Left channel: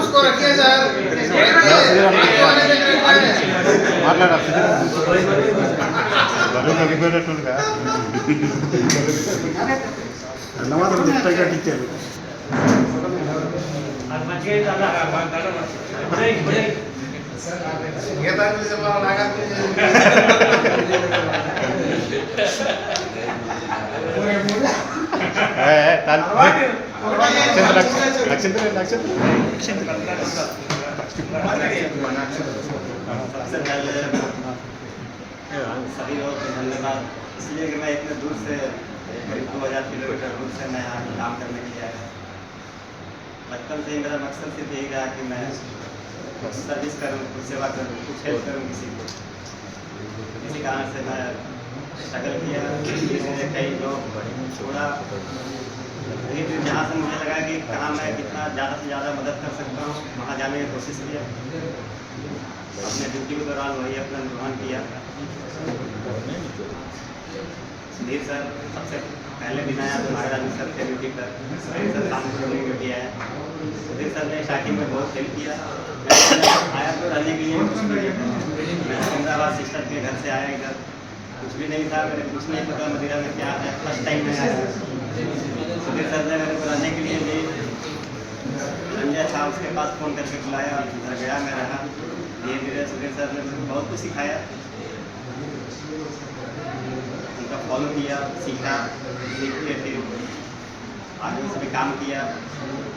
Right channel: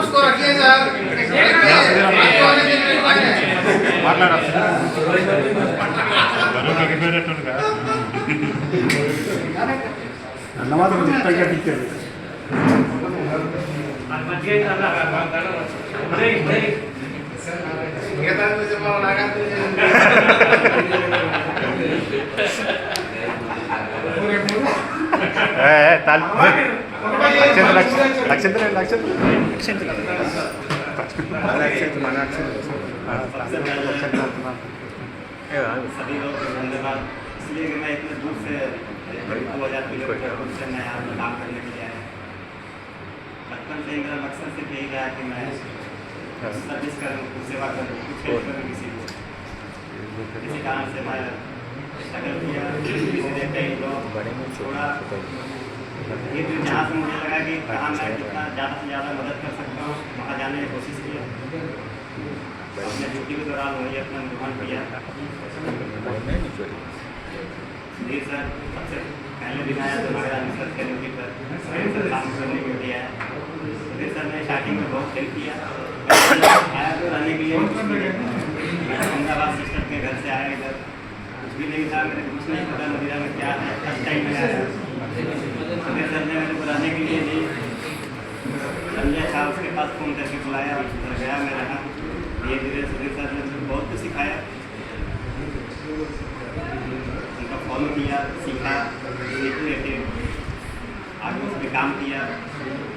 उसको रखिए सर। सभी लोग धन्यवाद, इसलिए कि मैं इतने दूर से 2000 किलोमीटर दूर से मैं यहाँ काम करने के लिए आया। बचपन से ही मेरा मकसद सिर्फ यही रहा कि मैं सर्विस करूँ, सेवा करूँ, कुछ हेल्प करूँ किसी को। इसी कारण से मैं स्ट्रगल किया, इसलिए कई लोग छोड़ा। फिर जहाँ से मुझे लगा कि कहाँ मैं कितना ज़्यादा से ज़्यादा मदद कर सकता हूँ, वहाँ जाने की कोशिश किया। अपने ड्यूटी के दौरान वही अपना निर्वहन किया। सुधीर सर सबसे पहले दिन आया तो महाराज सर के ड्यूटी पर सर काम करने के लिए आया। सुधीर सर ने स्टार्टिंग में बहुत हेल्प किया। आया तो रहने के लिए मैं अहमदाबाद सिस्टर के घर से आया, इधर कुछ भी नहीं था, मेरे कुछ नहीं पता मदीना में क्या है। फर्स्ट टाइम में आया। सुधीर सर ने मेरे को रहने के लिए भी संजय साहब उसके पास फ़ोन करके बुलाया, घर गया, मैं रहा। धीरे धीरे सुधीर सर ने बहुत कुछ सिखाया, उनका फॉलो किया, सीखा, सीखते थे आगे उस पर काम किया।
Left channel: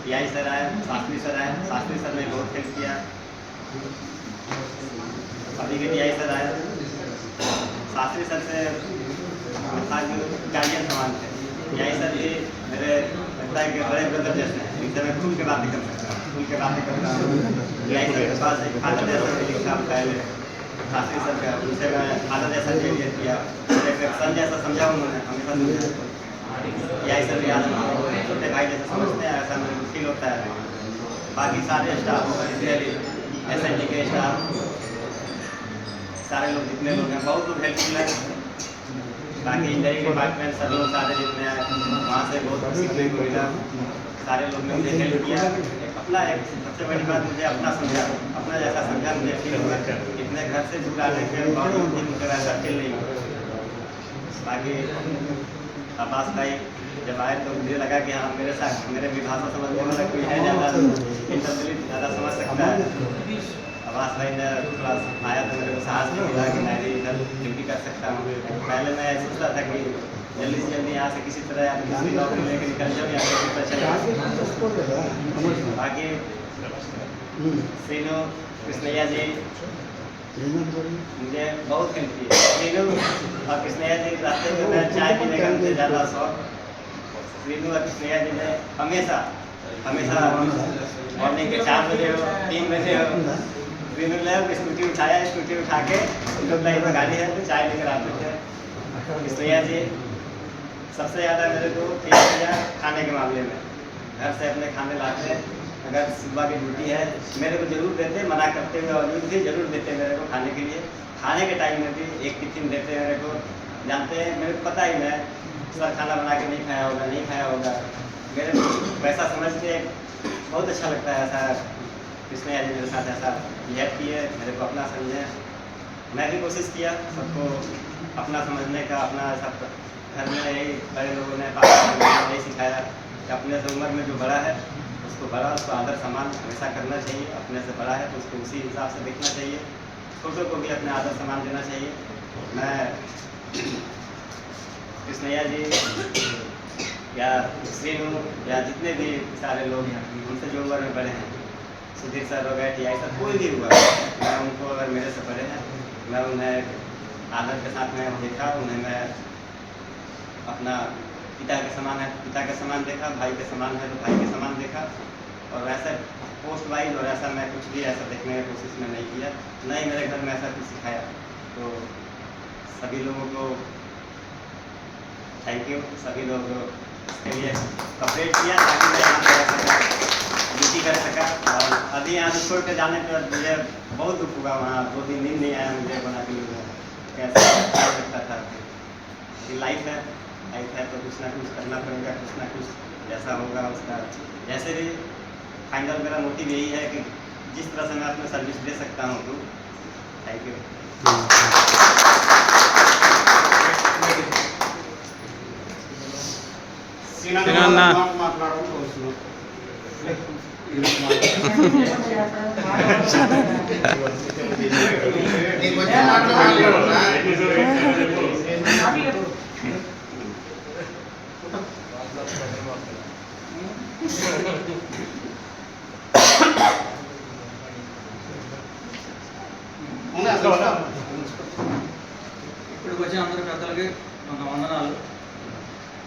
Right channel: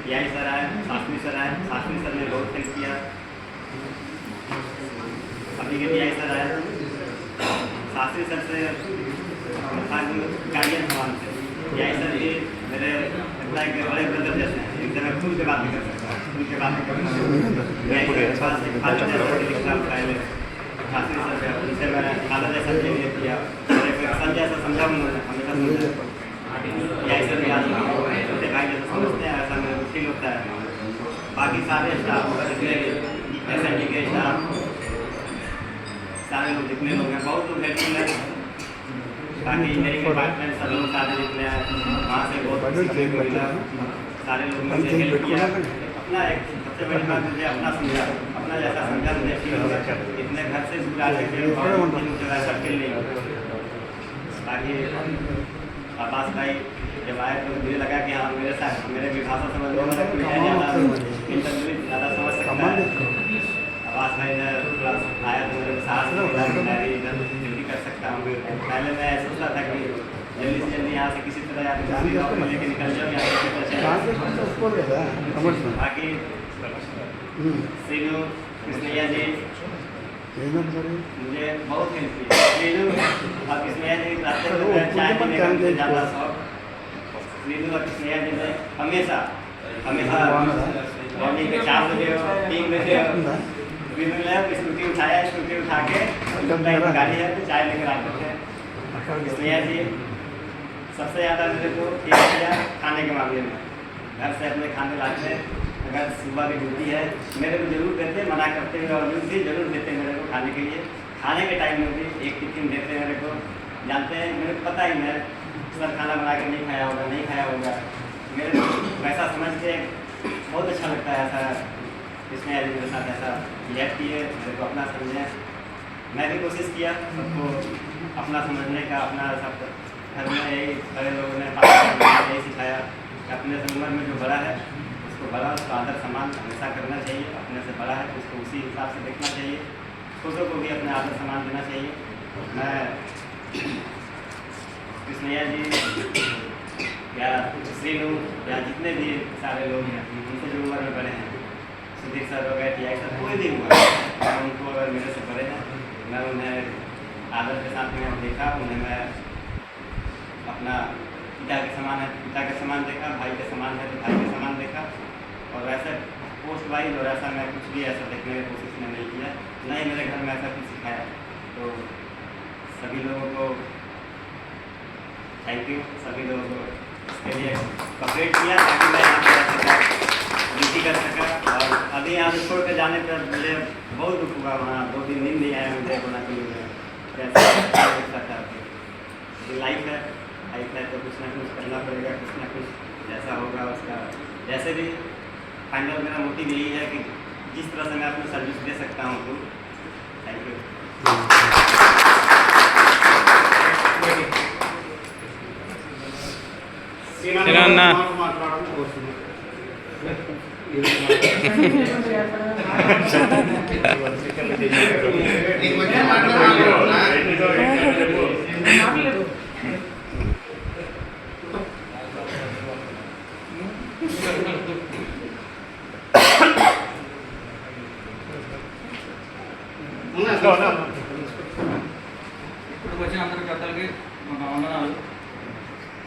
पीआई सर आए, शास्त्री सर आए, शास्त्री सर ने बहुत हेल्प किया। अभी के पीआई सर आए, शास्त्री सर से गाइडेंस समान थे। पीआई सर भी मेरे एम्प्लॉय के बड़े ब्रदर जैसे हैं, जिनसे मैं खुल के बातें कर सकता हूँ, खुल के बातें करना। पीआई सर के पास एक फादर जैसा लिखा पहले शास्त्री सर का, उनसे मैं फादर जैसा बिहेवियर किया, मेरे पे सन जैसा समझा उन्होंने, हमेशा समझा। पीआई सर भी आज छोटे भाई जैसे समझते हैं, ऐसा मेरे को फील होता है। बाकी सारे स्टाफ जितने भी SIT के स्टाफ, सारे लोग जितने लोग हैं, बहुत लोग हेल्पफुल है। बाकी इंजीनियरिंग डिपार्टमेंट सर लोग सारे जितने हैं, वहाँ से बहुत सीखने को मिला। सारे लोग मुझे हेल्प किया। अपना एक सबसे बड़ी बात मुझे अपना समझा, अपना जैसा समझा मुझे फील होगा। इतने घर से दूर आने के बावजूद मुझे वैसा फील नहीं होगा। बाकी अब्बास भाई जब आए तो मुझे लगा कि हाँ मेरे साथ मेरे भी भाषा समझ में कोई है ज़्यादा समझ सकता है। अब्बास भाई ने थोड़ा आया तो मेरे को साहस मिला कि मैं इधर ड्यूटी कर सकता हूँ। पहले मैं सोचता था कि जल्दी से जल्दी यहाँ से किसी तरह या किसी और को लेकर निकल जाऊँ या किसी तरह चले। बाकी सीनू कृष्णैया जी मुझे बहुत हेल्प की। सीनू और कृष्णैया जी रास्ते में चाय पीने का मुझे ज़्यादा शौक। सीनू और कृष्णैया जी ने हमेशा मॉर्निंग के 4 बजे 3 बजे सीनू ने स्कूटी उठाया, स्कूटी उठा के गाड़ी है तो चाय लेकर आते थे। कृष्णैया जी सबसे ज़्यादा मेरे को ठीक किया खाने के मामले में। घर से अपने खाने लाते, अगर सुबह की ड्यूटी है मेरे को जरूर देते, मना करते हुए बावजूद भी जरूर देते मेरे को खाने के लिए। खाने के टाइम में भी एक टिफिन देते मेरे को। जानते हैं मेरे को पता ही नहीं सर खाना बना के नहीं खाया होगा। मेरे को वैसा समझते बहुत अच्छा लगता है। ऐसा कृष्णैया जी मेरे साथ ऐसा बिहेव किए, मेरे को अपना समझे। मैं भी कोशिश किया सबको अपना समझने का। अपना सब घर में यही बड़े लोगों ने यही सिखाया कि अपने से उम्र में जो बड़ा है उसको आदर सम्मान हमेशा करना चाहिए। अपने से बड़ा है तो उसको उसी हिसाब से देखना चाहिए। छोटों को भी अपने आदर सम्मान देना चाहिए। मैं कृष्णैया जी या श्रीनू या जितने भी सारे लोग हैं उनसे जो उम्र में बड़े हैं, सुधीर सर हो गए, टीआई सर, कोई भी हुआ, मैं उनको अगर मेरे से बड़े हैं मैं उन्हें आदर के साथ में देखा। उन्हें मैं अपना पिता के समान है तो पिता के समान देखा, भाई के समान है तो भाई के समान देखा। और वैसे पोस्ट वाइज और ऐसा मैं कुछ भी ऐसा देखने की कोशिश में नहीं किया, नहीं मेरे घर में ऐसा कुछ सिखाया। तो सभी लोगों को थैंक यू। सभी लोगों को इसके लिए कॉपरेट किया ताकि मैं यहाँ पर रह सका, ड्यूटी कर सका। और अभी यहाँ से छोड़ कर जाने पर मुझे बहुत दुख हुआ। वहाँ 2 दिन नींद नहीं आया मुझे होना के लिए। कैसा था ये लाइफ है तो कुछ ना कुछ करना पड़ेगा, कुछ ना कुछ जैसा होगा उसका। जैसे भी फाइनल मेरा मोटिव यही है कि जिस तरह से मैं अपना सर्विस दे सकता हूँ तो थैंक यू। ఇప్పటికి వచ్చిన అందరి పెద్దలకి నాకు వందనాలు.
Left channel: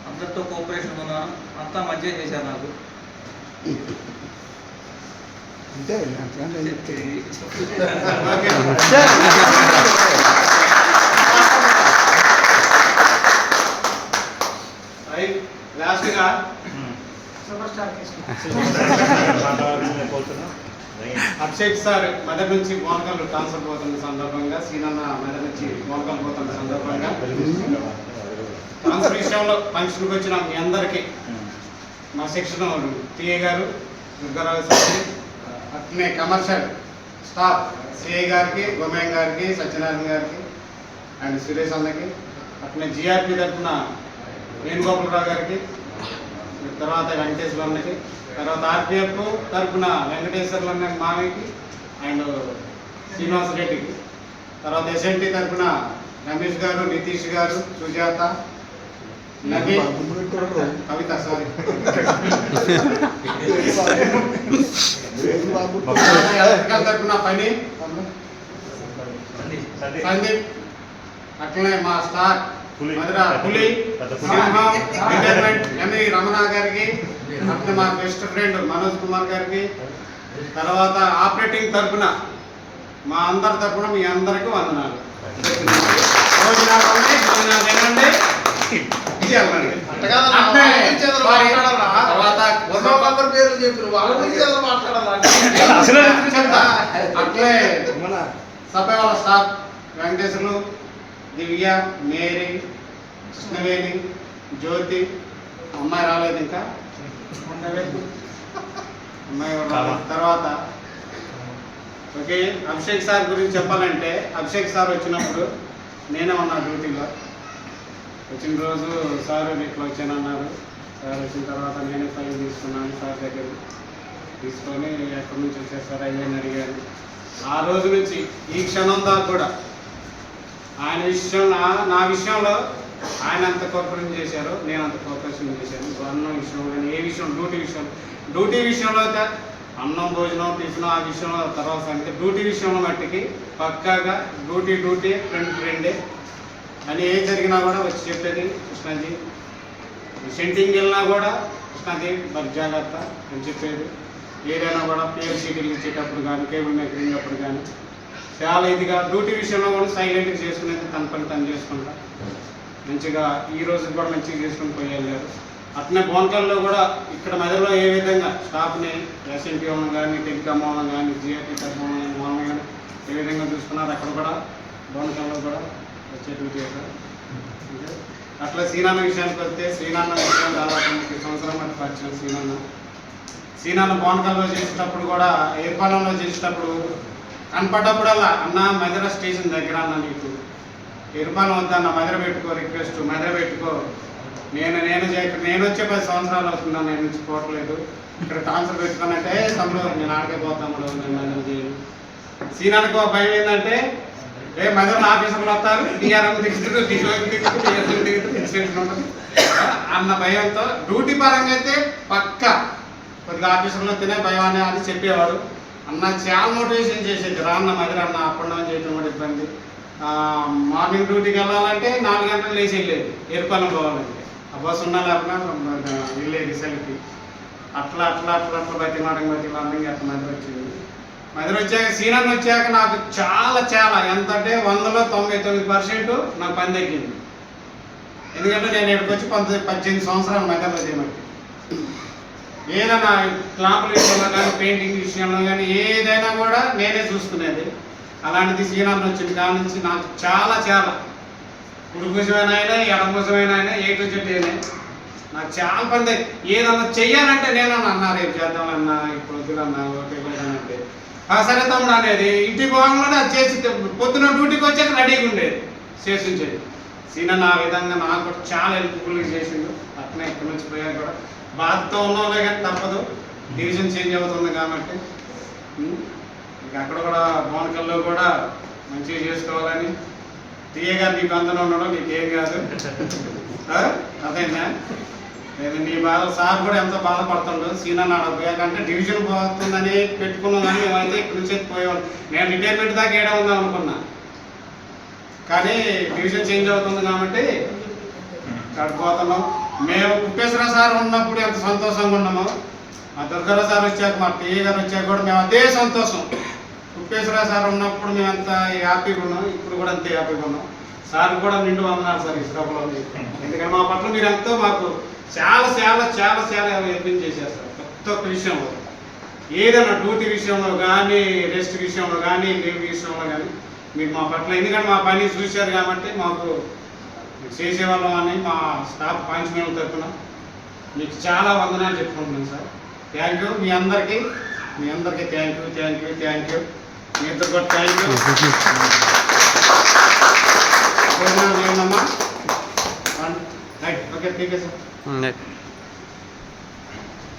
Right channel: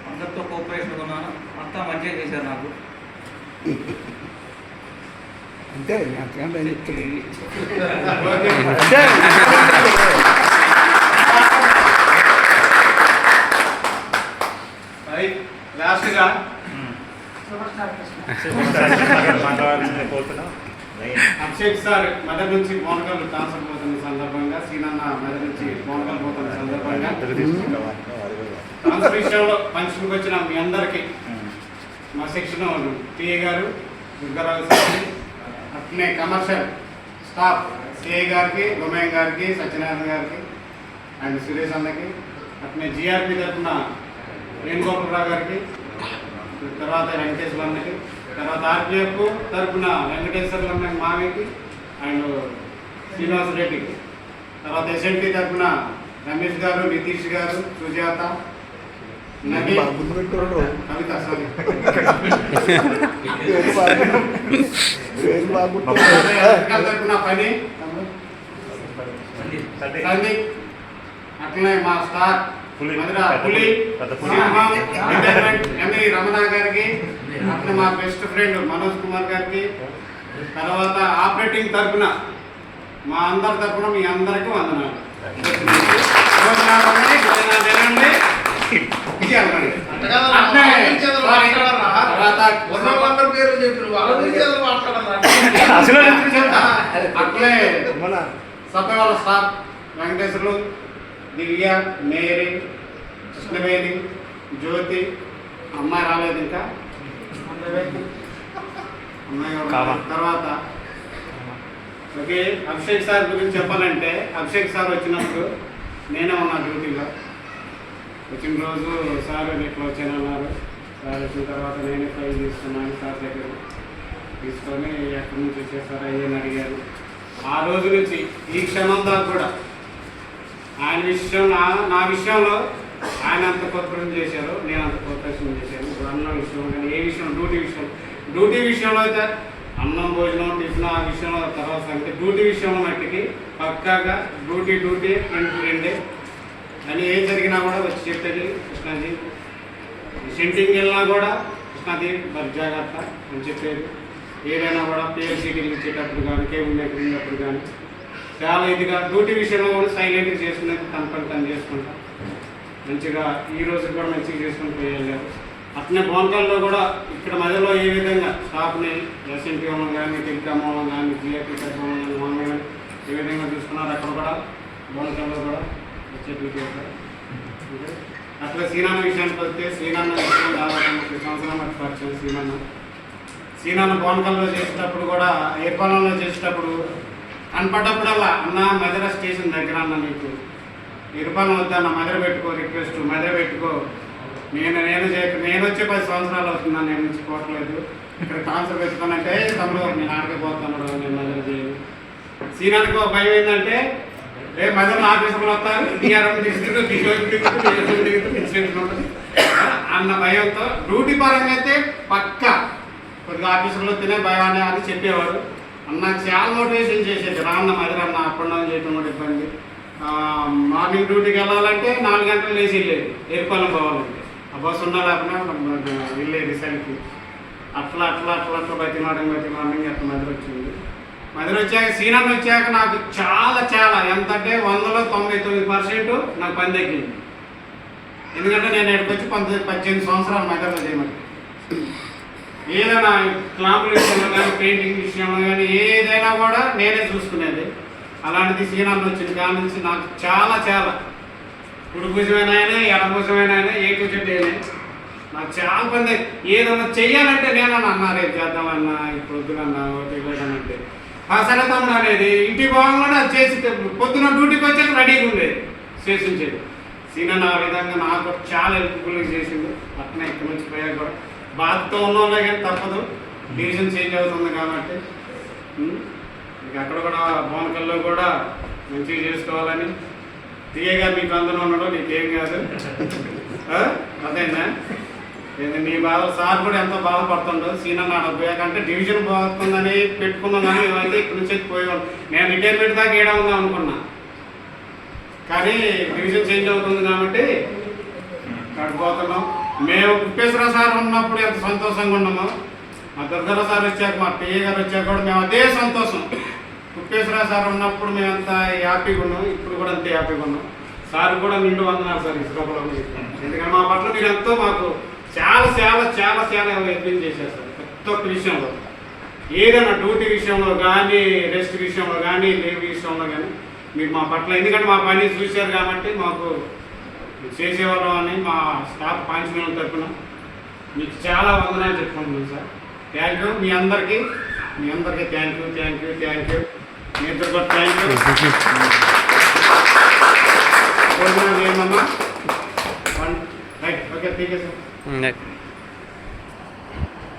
అందరితో కోఆపరేషన్ ఉన్నాను, అంతా మంచిగా చేశారు నాకు. అంతే అంతకంటే లాస్ట్గా అభిషేక్ సార్ మెదక్ నుంచి మోనకల్ ట్రాన్స్ఫర్ పోతున్న సందర్భంగా, శ్రీనన్న మెదక్ నుంచి మోనకల్ పోతున్న సందర్భంగా ట్రాన్స్ఫర్ విషయంలో ఫంక్షన్కి వచ్చిన మీ అందరికీ మా సెక్షన్ టీఏ గారు, దుర్గారావు సార్, అట్లనే కమర్షియల్ స్టాఫ్ సిఐ గారికి, గోమయ్య గారికి, సత్యనారాయణ గారికి అండ్ సురేష్ అన్నకి, అట్లనే జిఆర్పి తరఫున వేణుగోపాలరావు గారికి, తర్వాత వెంకటేశ్వర అన్నకి, తర్వాత ఆర్పిఎఫ్ తరఫున వెంకటేశ్వర అన్న మామయ్యకి అండ్ శ్రీనివాస్ రెడ్డికి, తర్వాత ఎస్ఎన్టీ తరఫున రమేష్ గారు, నితీష్ గారు, సుజాత, కవిత సారీ తరఫున పని సందీప్, అట్లనే మా స్టార్ మధుర పులి ఎంఈ రమణ గారికి, అట్లనే మా బెస్ట్ ఫ్రెండ్ మనోజ్ కుమార్ గారికి, తర్వాత ఆపరేటింగ్ తరఫున మా అందరి తరఫున మీ అందరికీ వందనాలు. అట్లే సభ వాళ్ళ స్టాఫ్ వెంకటేశ్వర్లు, దివ్య, మేరీ, కృష్ణవేణి, జ్యోతి, అమ్మాయి రాలేదు ఇంకా, అమ్మాయి తర్వాత ఓకే. అభిషేక్ సార్ గురించి చెప్పాలంటే, అభిషేక్ సార్ వచ్చినప్పుడు నేనే ఉన్నా డ్యూటీలో. వచ్చిన రోజు సార్ ఇట్లా వచ్చానన్నారు. సార్ వచ్చిన తర్వాత నేనే ఫైల్ తీసుకున్నాను సార్ దగ్గర, తీసుకొని ఎక్కడి నుంచి వచ్చేసారు అయ్యని అడిగాను. ఆ రోజు నుంచి ఈ క్షణం దాకా కూడా ఆయన విషయం నా విషయంలో ఆయన అంత కోఆపరేషన్ చేశారు, నేను అంత కోఆపరేషన్ చేశాను. అన్నం విషయంలో కానీ ఏ విషయం, డ్యూటీ విషయంలో అయితే అన్నం, భోజనం, టిఫిన్ ఆ విషయంలో తర్వాత సంగతి. డ్యూటీ విషయంలో మట్టికి పక్కాగా డ్యూటీ రెండే అని ఏ జరిగినా కూడా వచ్చి చెప్పేది కృష్ణాజీ. సెంటింగ్ వెళ్ళినా కూడా కృష్ణాజీ మరి జాగ్రత్త అని చెప్పేది. ఏదైనా కూడా పిఎల్సీటీలు ఇచ్చేటప్పుడు కానీ, కేబుల్ మేకర్ ఉన్నప్పుడు కానీ చాలా ఇదిగా డ్యూటీ విషయంలో కూడా సైలెంట్గా చేసుకునేది, తన పని తను చేసుకుంటా మంచిగా ఈ రోజు కూడా మంచిగా చేసుకుని పోయేళ్ళారు. అట్లనే బోనకల్లో కూడా ఇక్కడ మధ్యలో ఏ విధంగా స్టాఫ్ని ఎస్ఎన్టీ వాళ్ళని కానీ, టెలికామ్ వాళ్ళని కానీ, జిఆర్టీ వాళ్ళని వాళ్ళని కానీ ఏ విధంగా చూసుకున్నారు, అక్కడ కూడా బోనకల్లో కూడా చెట్లు చేశారు. అట్లా శ్రీనాన్న విషయానికి వస్తే, శ్రీనాన్న విషయం దాదాపు 30 సంవత్సరాల మధ్య పరిచయం. శ్రీనాన్న బోనకల్లో చేసేటప్పుడు కూడా, ఏర్పాలెంలో చేసేటప్పుడు కనపడ్డప్పుడల్లా అన్న మధుర స్టేషన్ దగ్గర అన్న నీకు ఏర్పాలెం వద్దన్న, మధుర పెట్టుకో, రిక్వెస్ట్ మధుర పెట్టుకో. నేను వచ్చే 10 సంవత్సరాలు అవుతుందా, నేను నుంచి పోవట్లేదు, ఇక్కడ ట్రాన్స్ఫర్ పెట్టుకున్నట్టే తమ్ముడు నేను ఆడకపోతాము, నేను మధుర చేయను. శ్రీనాన్నకు భయం ఏంటంటే, మధుర ఆఫీసులు వస్తారు, ఉంటుంది అన్న భయంతో. డ్యూటీ పరంగా అయితే పక్క కొద్దిగా ఆఫీసులో వస్తేనే భయం అని చెప్పేవాడు. అన్న చాలా మోటివేషన్ చేసేది, రాన్న మధుర అన్న అప్పుడు చేయడం కూడా ఇబ్బంది. మార్నింగ్ డ్యూటీకి వెళ్ళాలంటే 4 గంటలు లేచి వెళ్ళేది, ఏర్పాలెం పోవాలంటే ఆ బస్సు ఉన్నా లేకుండా వెళ్ళేది సెల్ఫీ. అట్లా బతిమాటంగా అట్లా మధుర వచ్చింది. సీనాన్ని వచ్చాక నాకు చాలా ఎంత అంటే 100లో 99% నాకు పని తగ్గింది. ఎందుకంటే నేను ఇక్కడికి వచ్చి 18 సంవత్సరాలు మధురలో చేయమంటే ఏదైనా క్లాపుల విషయంలో కానీ, పెయింటింగ్ విషయంలో కానీ ఏదైనా కూడా నేనే చూసుకునేది. అలాంటిది శ్రీనాథ్ వచ్చింది కాడ నుంచి నాకు చాలా కుడి భుజమైన అయినా, ఎడ భుజమైన అయినా, ఏ టు జెడ్ అయినా నాకు చాలా మంది ఏదన్నా చెయ్యాలంటే నేనన్నా అన్నా రేపు చేద్దామన్నా ఇప్పుడు వద్దులన్నా అంటే సరే తమ్ముడు అనేది ఇంటికి పోగానే అది చేసి పొద్దున డ్యూటీకి వచ్చాక రెడీగా ఉండేది చేసించేది సీనన్న ఆ విధంగా నాకు చాలా హెల్ప్ఫుల్గా చేసిండు. అట్నే ఇక్కడి నుంచి పోయాక కూడా బాధతో ఉన్నోళ్ళే కానీ తప్పదు, డివిజన్ చేంజ్ అవుతుంది కాబట్టి ఇక అక్కడ కూడా బోనకల్లో కూడా మంచిగా చేసుకోవాలని తీయగా మీకు అందరూ ఉండడం నీకేం కాదు అదేనా. నీ బాధ సార్ కూడా ఎంతో బాధపడుతుండదు. సీనన్న పోయాకంటే డివిజన్ పోతుందని పెట్టుకున్నాం కానీ మేమైతే ఇక్కడి నుంచి పోయేవాళ్ళు. నేను రిటైర్మెంట్ దాకా ఏడా ఉందాం అనుకున్నా కానీ డివిజన్ చేంజ్ అవుతుంది కాబట్టి అక్కడికి పోతున్నాం. మేము కుప్పేశ్వర సార్ ఉన్నప్పుడు ఎంత సంతోషంగా ఉన్నామో మా దుర్గర సార్ వచ్చాక మా టీఏ గారు వచ్చాక కూడా మేము అదే సంతోషం. కుప్పేశ్వర సార్ ఉన్నప్పుడు మేము ఎంత హ్యాపీగా ఉన్నాం, ఇప్పుడు కూడా అంతే హ్యాపీగా ఉన్నాం. సార్ కూడా నిండు వందనాలు సార్ ఈ సభలో. ఎందుకంటే మా పట్ల మీరు ఎంతో మాకు చాలా చాలా చాలా చాలా యత్నం చేశారు సార్. ప్రతి ఒక్క విషయంలో ఏదైనా డ్యూటీ విషయంలో కానీ రెస్ట్ విషయంలో కానీ లీవ్ విషయంలో కానీ మీరు మా పట్ల, ఎందుకంటే మా పని చూశారు కాబట్టి మాకు చేసేవాళ్ళం అని మా స్టాఫ్ పాయింట్స్ తరఫున మీకు చాలా వందనాలు చెప్పుకుంటున్నాను సార్. థ్యాంక్ యూ మీ అందరికీ thank you thank you thank you మీ ఇద్దరు కూడా థ్యాంక్ యూ. ఏమన్నా ఓకే ఠీక్ సార్.